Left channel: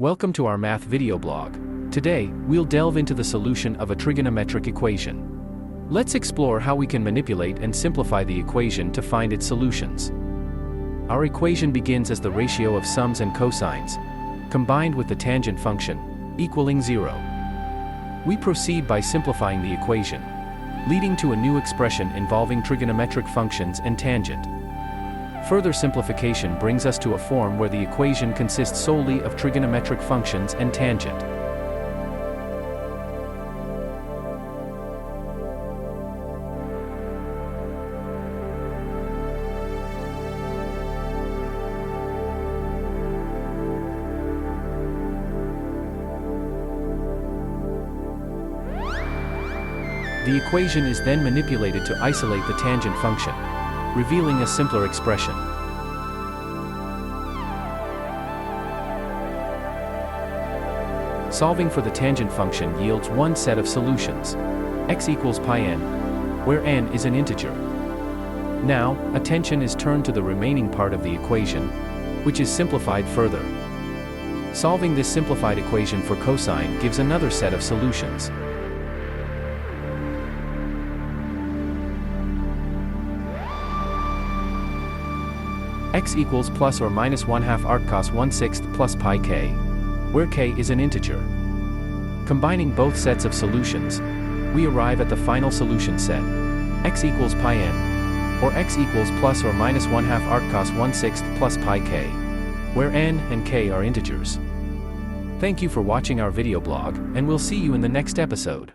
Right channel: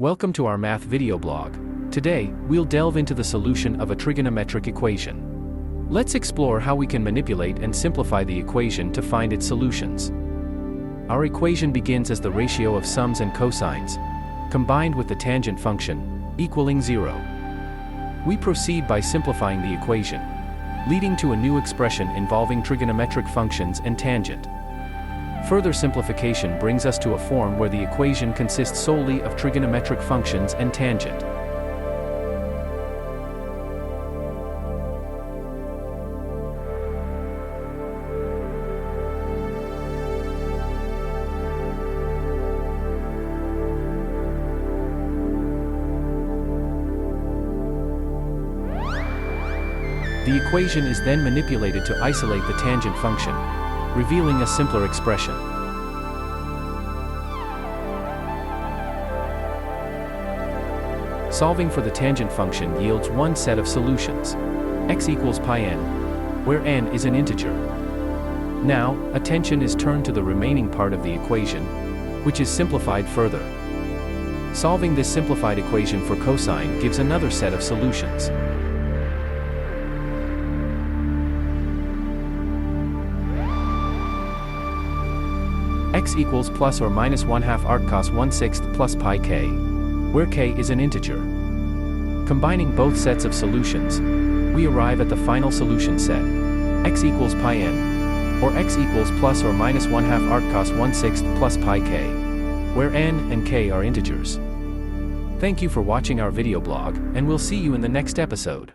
Welcome to our math video blog. Today, we'll delve into the solution of a trigonometric equation. Let's explore how we can manipulate and simplify the equation to find its solutions. Our equation begins as the ratio of sums and cosines, combined with the tangent function, equaling 0. We proceed by simplifying the equation, leading to a new expression involving trigonometric functions and tangent. Further simplification brings us to a form where the equation consists solely of trigonometric functions and tangent. The equation is then manipulated to isolate the tangent function, revealing a simpler expression. Solving for the tangent function yields one set of solutions. X equals pi n, where n is an integer. Now, attention is turned to the remaining part of the equation, which is simplified further. Solving this simplified equation for cosine gives another set of solutions. X equals plus or minus 1/2 arc cos 1/6 plus pi k, where k is an integer. Combining both sets of solutions, we arrive at the final solution set, x equals pi n, or x equals plus or minus 1/2 arc cos 1/6 plus pi k, where n and k are integers. Thank you for watching our video blog, and we'll see you in the next episode.